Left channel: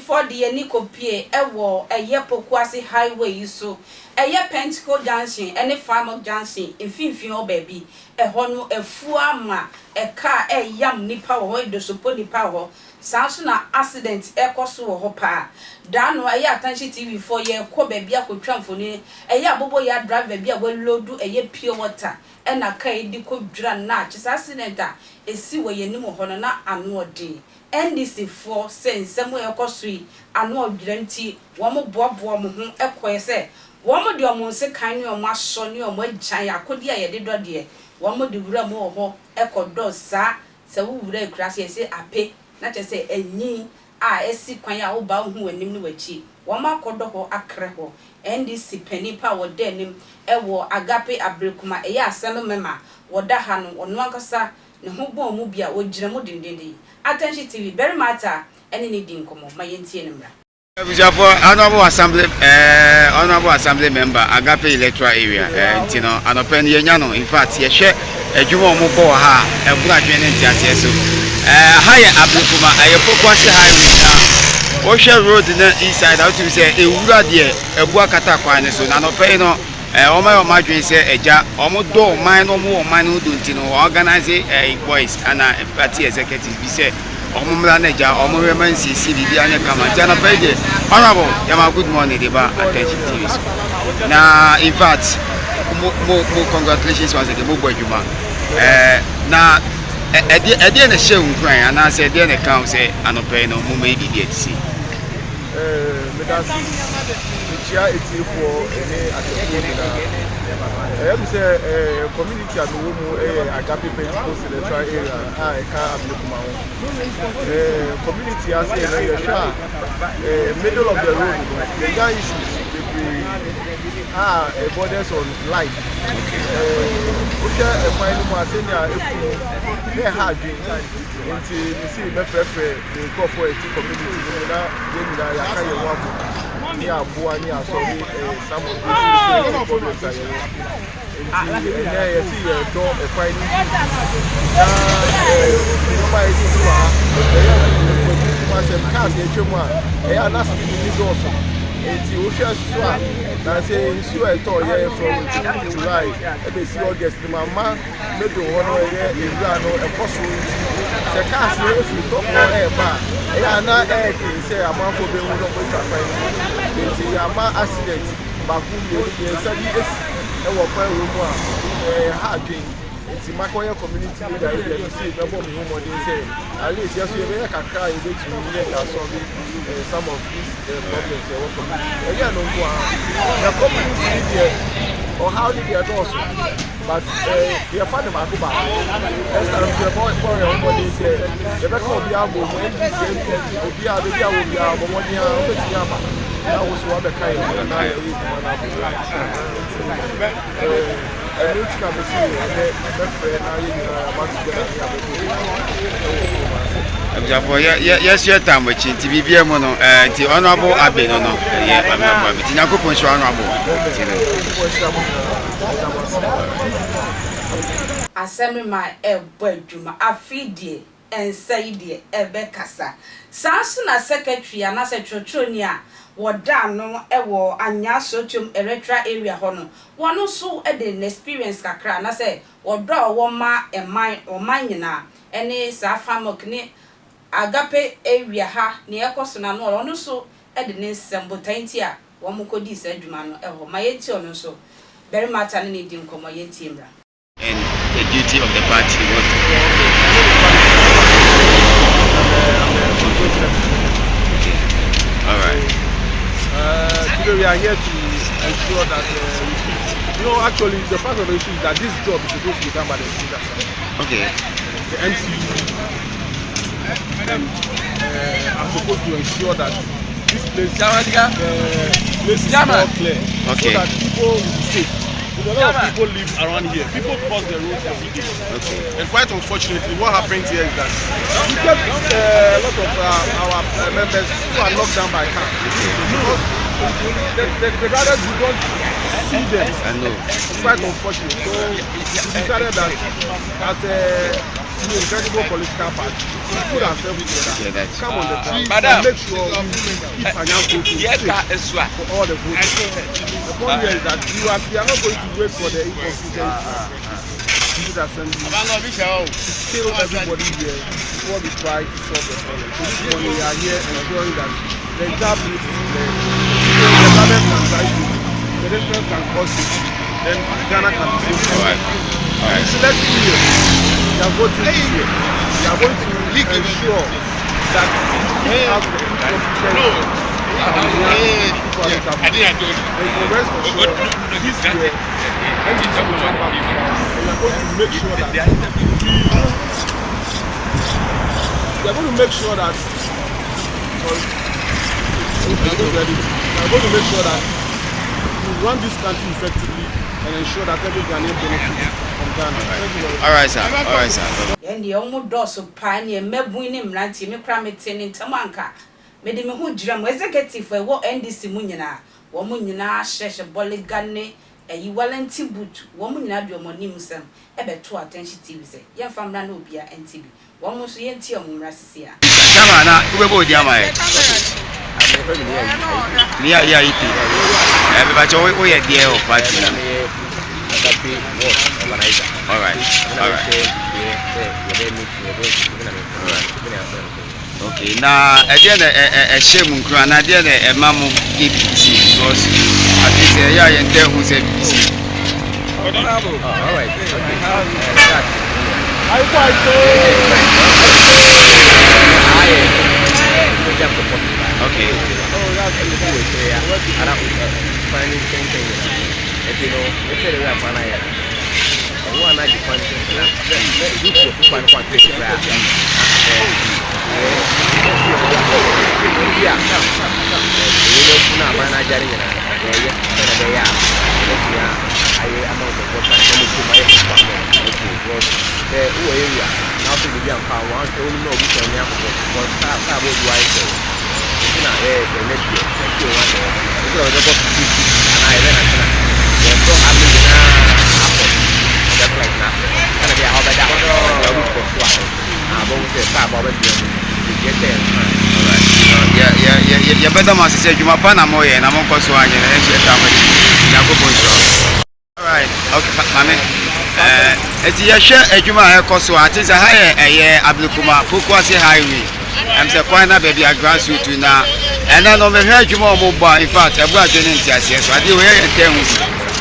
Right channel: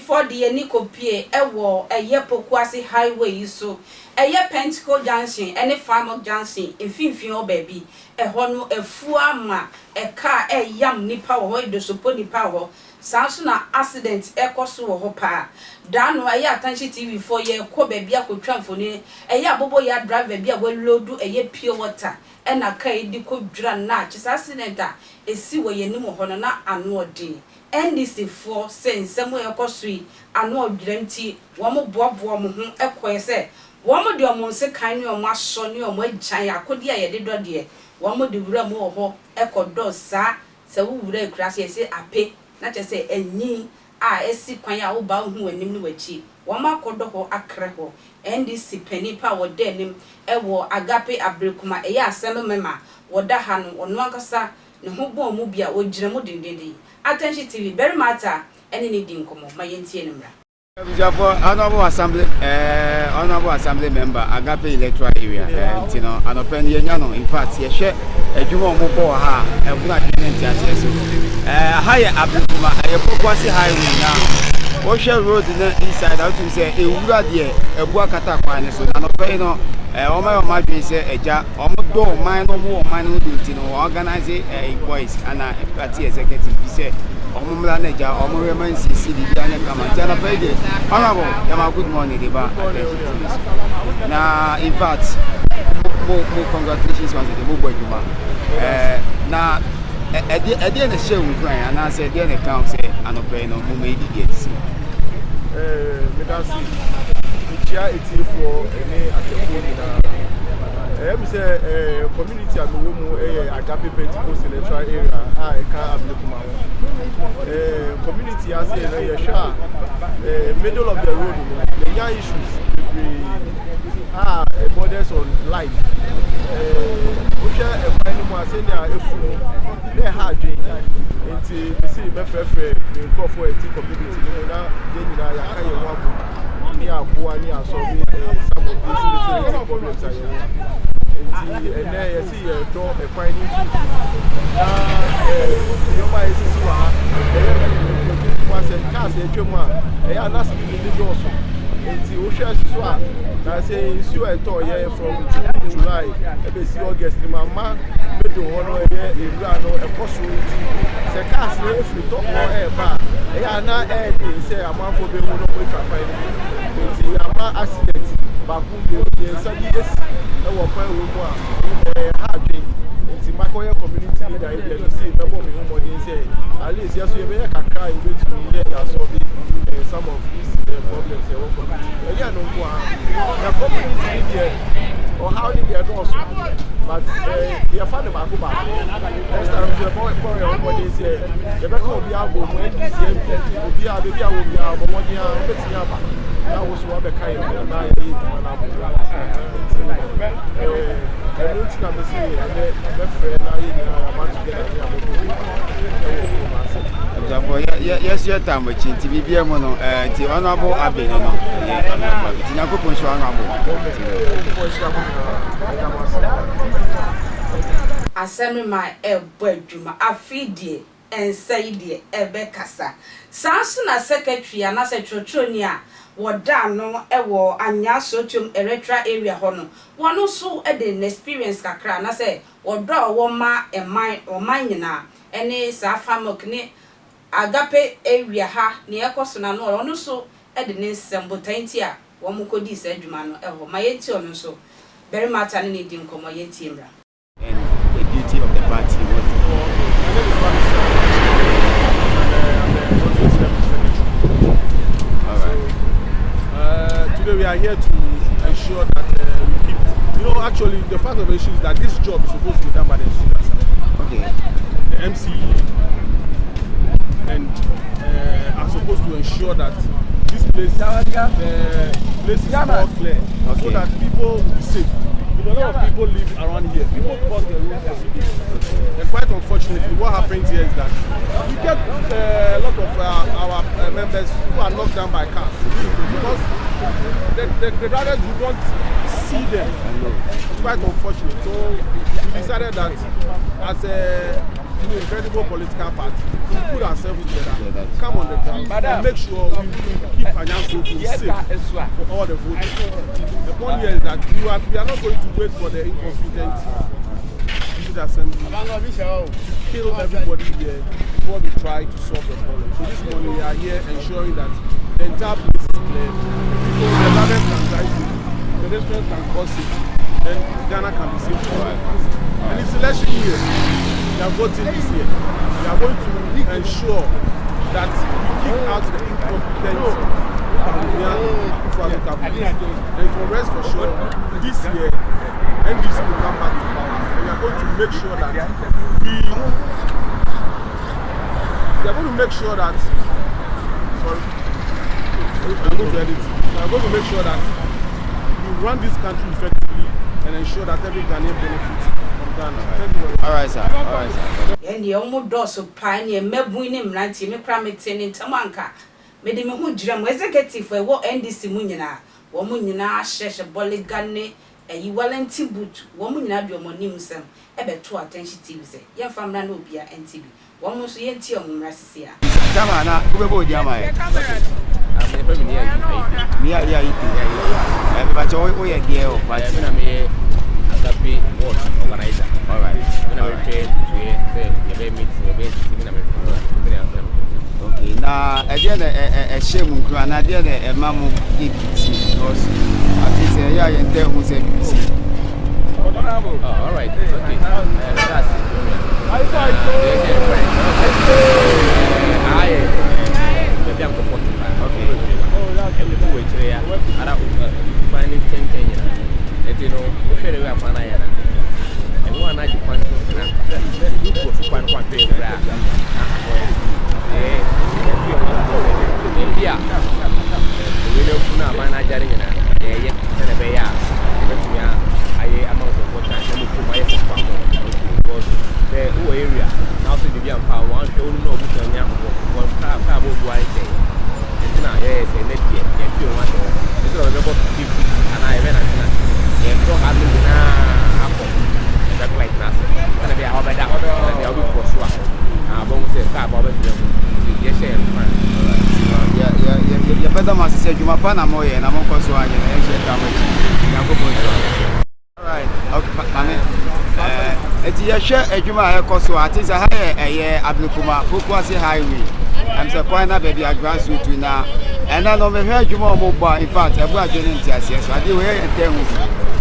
before the Enikopie, Ewo, a Yepokwasi highway, so a ye Pentacle Junction, any farmer Junction, in Finfin baby, a hono, a fuama, a car, a yam nipa, or the support power, Sansuna accident, Ecosu or Hopa. Dano, a ya attention TV for ye, ko baby, I could tramphone, a ya bobo ya drive baby, will load do a ye pure water, and a kay di could dran natch, accident, a see where ye no honor and no day. NDC for saying somewhere costly, and no dreamty, one more bob woman, a quay one more dear monse kind of my son, your way china, could ye did dear, one more the real more echo does, sir, so we would crash say I pay, not to say a knee, I see quaya o bound who and nimble cheap, one more cordo a crackle, NDC penny power denim, a war agape abricuma, a ya sell mema, or that hand or no cassa, no hobo mubia or Jramudin. Attention TV, very matter, any needing come on, my Indian. Honorable Assembly member, Agape electoral area, and open Yano. In fact, you share a Jumo Mubo ha, a black and so. Higher Abukuma, a Pokwasi highway now. Ocean Road in the east side, out to say a Uradia, a Buakata Quine, so none of Peno, Oma Madrid say a ja, almost do mine no more, mine who do organize a voice and a party executive. We say. Manager or women see CDB and come and pay honorable Yama good morning deba attention TV. Now in fact more congratulations once again more juma na e dey na show nkran and I say dey na count say anope no mo maybe dey see me dan see chia eti for any atefo na I'm say community at the Agape Pentecostal electoral area. I can't community has a middle of the road. The young issues borders on life. We share a final one saying they are hard into the city. The call for a community. Near Buania, some of these problems are and I see a door a fine nobody they are not speaking also. And the ocean swap, I say, so I told you from July, ABC August, Mamma, Middle Honor, Irano, a possibility. The cast, if you talk more air bar, they are not air, say a month for being one of the accident, but who you study this. And what point we want hard drink. It's in my community leader. You see, the bomb home what they say. At least yes, we make a car in which we get solving some of these problems. Again, no one. The community leader or how did they also? But they are fond of Akuba. Next time, the boy what they say. The back of the album when this will be our baby, will be our Monia. That was what the kind of I yes, your time with TVB mono, the honorable Abbey, no, yeah, I'm not going to go to honorable. Assembly my bedroom, I feed ye and say dear, Ebekasa. Sansuna secretary and as a Trotronia. Wada no ewo Anyaa sotium electoral area hono wano so e de experience kakra na say wodo wo ma e man o man nyina ene sa famok ne Agape area ha ne ekoso na no ono so e de ne sembotanti a wo mo kodi sa adwuma no eho ma yenti ono so very much an ne di nkomo yenti mra and the duty of the party was all right. Today we are here to ensure that actually the fact of the issue is that this job is supposed to be done by the leaders. Okay. The MC are supposed to ensure that this place, place is more clear, so that people will be safe. A lot of people live around here. People cross the road every day. Okay. And quite unfortunately, what happens here is that we get a lot of our members who are knocked down by cars. Because the brothers who don't see them. I know. It's quite unfortunate. So we decided that as a incredible political party, we put ourselves together, come on the ground, and make sure we keep Anyaa safe for all the votes. The point here is that we are not going to wait for the incompetent assembly to kill everybody here before we try to solve the problem. So this morning we are here ensuring that the entire place is clear. So the government can try to, the national can cause it, then Ghana can be safe. Alright. So let's be here. We are voting this year. We are going to ensure that we have the incompetent rest for sure this year NDC will come back to power. We are going to make sure that we are going to make sure that we run this country effectively and ensure that every Ghanaian benefits from Ghana. All right, sir. All right, sir. And the almost pioneer mebuinim ranti me krametene tamanka. Mede me hu dram executive for what NDC munyina. Wo munyina sheshe boligane e walenti boot. Wo munyina do monim sem e beto attention TV say. Ye famra na obia NTV. Wo mu so ye nti omumra sisi a. Chama na ubebo di ama e. Nia ya ipi. E ba cho wo ye die o party na. All right. Okay, now again a shame na there a mamu BBC because at least yeah and there who said BBC. All right. Yeah, better must say you must na moye na mo koso anye na e sheta mo ya go bonso. All right, okay, mama. Eti ye hwe adwuma e koso ati say ha ye Ablikuma Pokuase highway. Am say kwan na baby a grassroots na ena no me hwe adwuma mo ba in fact e bu adwene ntiase so ade we ye ntehu.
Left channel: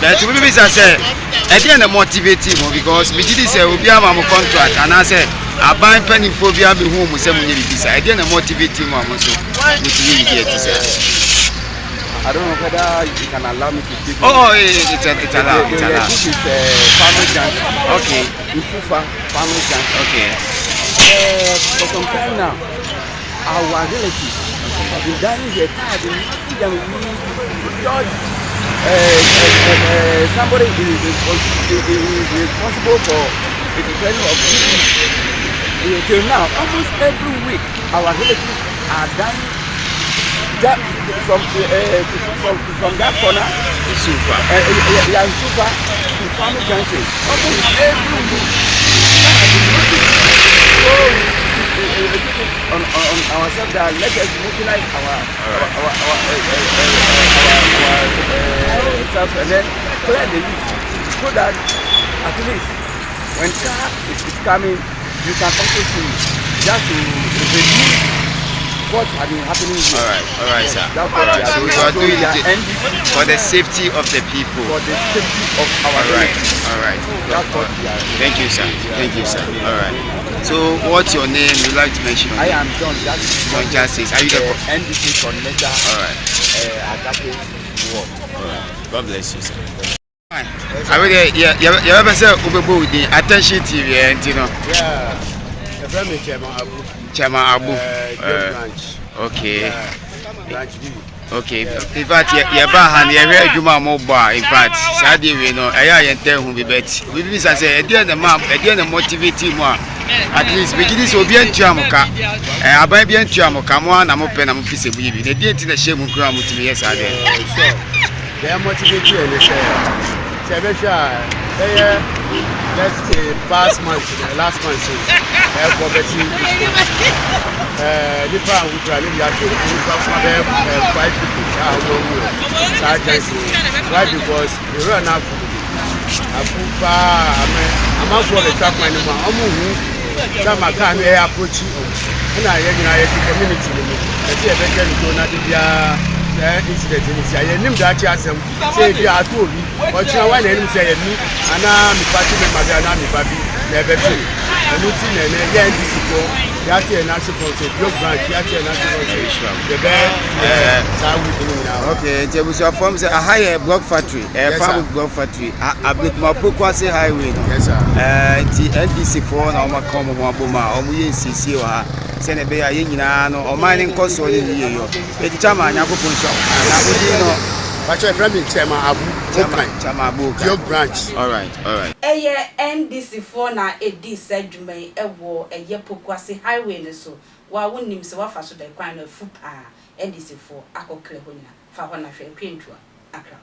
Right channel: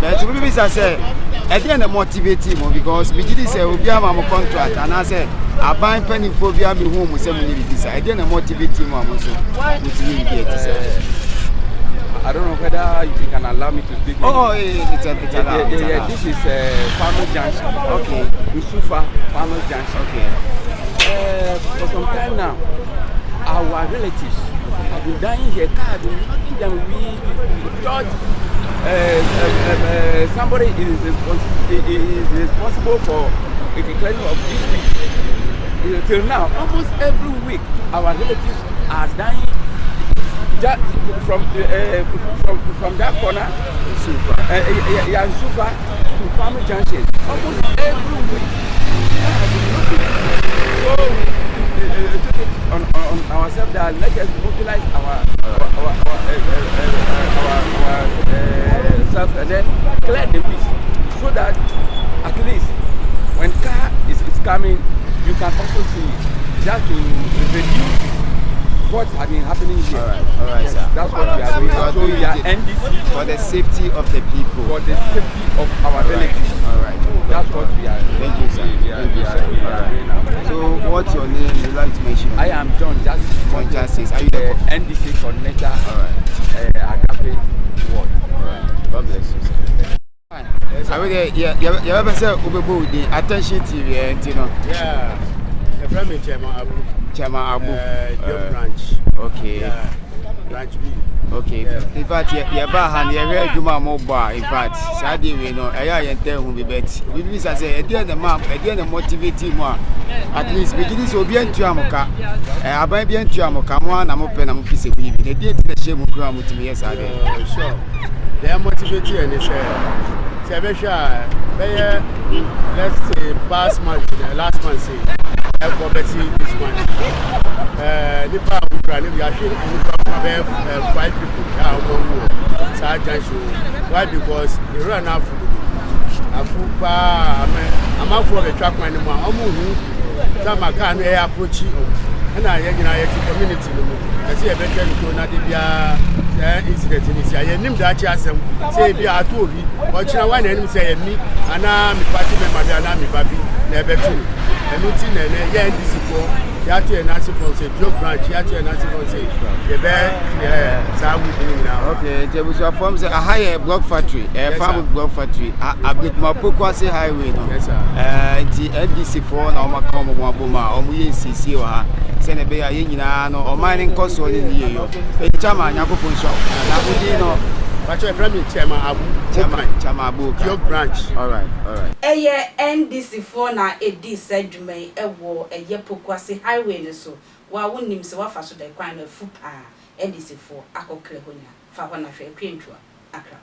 But we be say e dey na motivate mo because me did say obi ama mo contract and I say aban panifobia be hu mo say mo nye bibisa e dey na motivate mo am so motivate get say I don't know whether you can allow me to speak. It's allowed. This is Farmer Junction. Okay. Usufa Farmer Junction. Okay. For some time now, our relatives have been dining here. Somebody is responsible for the training of people. Till now, almost every week, our relatives are dying. From that corner, Super. Super to Farmer Junction. Almost every week. On ourselves that let us utilize our stuff and then clear the leak so that at least when car is coming, you can also see just to reduce what has been happening here. All right, sir. That's what we are so doing. you are doing it for the safety of the people. For the safety of our relatives. All right. That's what we are doing. Thank you, sir. Thank you, sir. All right. So, what's your name? You'd like to mention? I am John Justice. John Justice. Are you the NDC coordinator? All right. Agape Ward. All right. God bless you, sir. I really, you ever say Ubebo the attention TV, you know? Yeah. Chairman Abu. Branch. Okay. Branch B. Okay. In fact, you ba you hear Juma Moba. In fact, Saturday we know. I tell who be bet. We be say, at the end the map, at the end the motivating one. At least we this will be in Tiamoka. I buy be in Tiamoka. One, I'm open. I'm feasible. The date in the shame of Gram with me. Yes, I did. Sure. they are motivated and let's say past month, last month, poverty this month. Nipa would rally actually 5 people are why? Because they run out food. I'm out for the track man. I'm a can approach you. And I community. I see a better incident in this. I named that chasm. Say, if you are told me, but you know, one enemy say me, and I'm party with my baby, never true. And routine and again, this is for Yati and Nancy Fonse, Blue Branch, Yati and Nancy Fonse. The bed, now. Okay, there was a form a higher block factory, a farm block factory. I break my Pokwasi highway. Yes, sir. The NDC4 and Oma Common Wabuma, or we see or Senabe, or mining cost or in the year. It's Chama, Yako Punch, and I would know. But your friend is Chama Abu, Blue Branch. All right. NDC4 na edi sedwuma ewo eye Pokwasi highway so wa wonim se wa fa so da kwan na fu pa NDC4 akokre honya fa ho na hwe kwentwa akra